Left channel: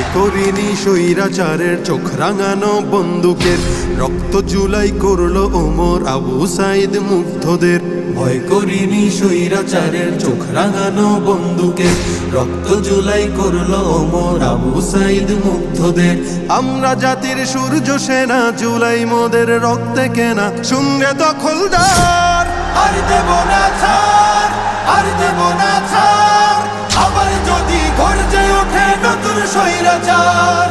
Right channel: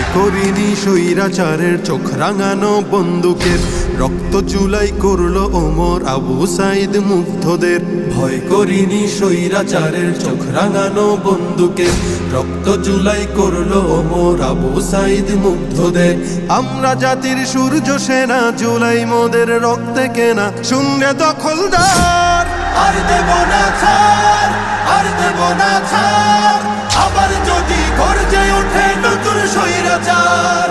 ভয় করিনি স্বৈরাচারের চোখ রাঙানো বন্দুকের, রক্ত জুলাই করলো ওমর আবু সাইদ মুগ্ধদের। ভয় করিনি স্বৈরাচারের চোখ রাঙানো বন্দুকের, রক্ত জুলাই করলো ওমর আবু সাইদ মুগ্ধদের। আমরা জাতির সূর্য সেনা, জুলাই মোদের রক্তে কেনা, শুনরে দখলদার আর দেব না ছাড়, আর দেব না ছাড়। আবার যদি গর্জে ওঠে নতুন স্বৈরাচার,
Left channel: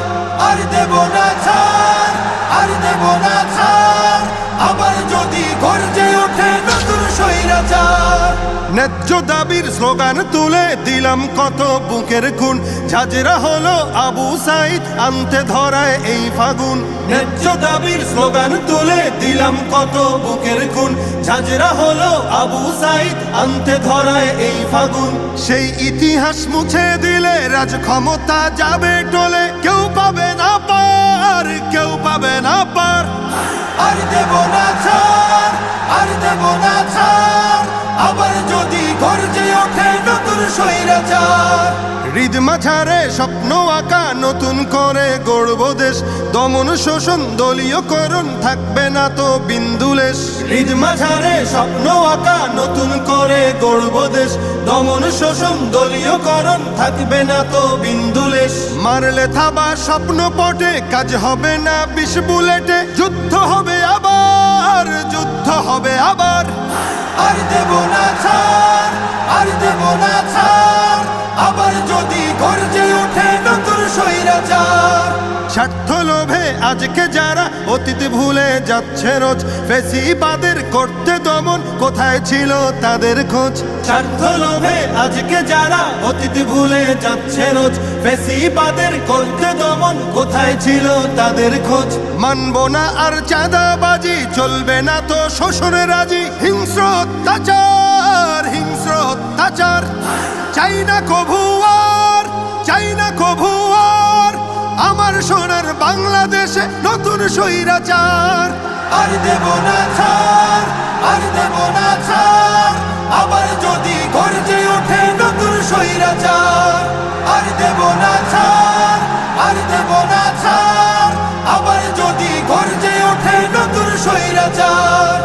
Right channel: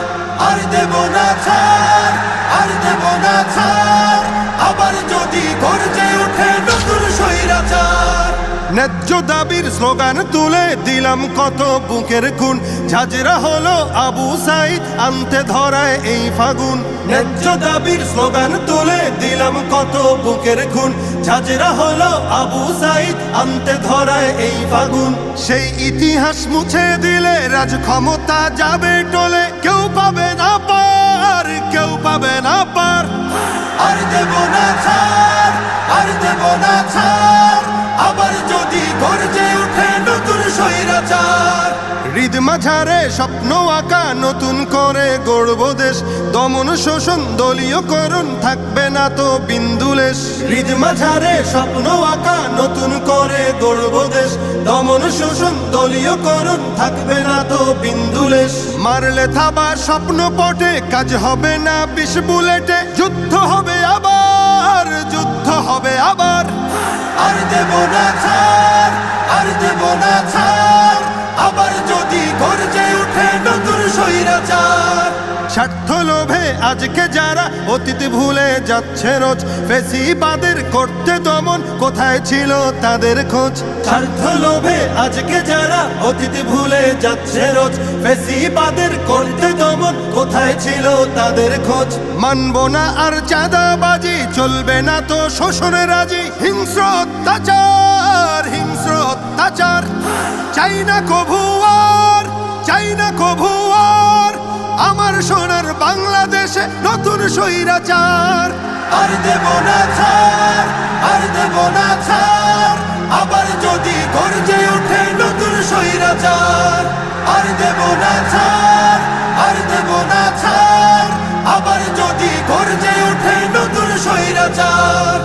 আর দেব না ছাড়, আর দেব না ছাড়। আবার যদি গর্জে ওঠে নতুন স্বৈরাচার। ন্যায্য দাবির স্লোগান তুলে দিলাম কত বুকের খুন, ঝাঁঝরা হলো আবু সাইদ আনতে ধরায় এই ফাগুন। ন্যায্য দাবির স্লোগান তুলে দিলাম কত বুকের খুন, ঝাঁঝরা হলো আবু সাইদ আনতে ধরায় এই ফাগুন। সেই ইতিহাস মুছে দিলে রাজ ক্ষমতা যাবে টলে, কেউ পাবে না পার, কেউ পাবে না পার। আর দেব না ছাড়, আর দেব না ছাড়। আবার যদি গর্জে ওঠে নতুন স্বৈরাচার। হৃদ মাঝারে স্বপ্ন আঁকা নতুন করে গড়ব দেশ, দমন শোষণ দলীয়করণ থাকবে না তো বিন্দুলেশ। হৃদ মাঝারে স্বপ্ন আঁকা নতুন করে গড়ব দেশ, দমন শোষণ দলীয়করণ থাকবে না তো বিন্দুলেশ। মারলে থাবা স্বপ্ন পটে, কাজ হবে না 20 বুলেটে, যুদ্ধ হবে আবার, যুদ্ধ হবে আবার। আর দেব না ছাড়, আর দেব না ছাড়। আবার যদি গর্জে ওঠে নতুন স্বৈরাচার। স্বার্থ লোভে আজকে যারা অতীত ভুলে যাচ্ছে রোজ, ফেসিবাদের করতে দমন কোথায় ছিল তাদের খোঁজ। স্বার্থ লোভে আজকে যারা অতীত ভুলে যাচ্ছে রোজ, ফেসিবাদের করতে দমন কোথায় ছিল তাদের খোঁজ। মানব না আর চাঁদাবাজি, চলবে না তো শোষণ রাজি। হিংস্র অত্যাচার, হিংস্র অত্যাচার। চাই না কভু আর, চাই না কভু আর আমার সোনার বাংলাদেশে নতুন স্বৈরাচার। আর দেব না ছাড়, আর দেব না ছাড়। আবার যদি গর্জে ওঠে নতুন স্বৈরাচার। আর দেব না ছাড়, আর দেব না ছাড়। আবার যদি গর্জে ওঠে নতুন স্বৈরাচার।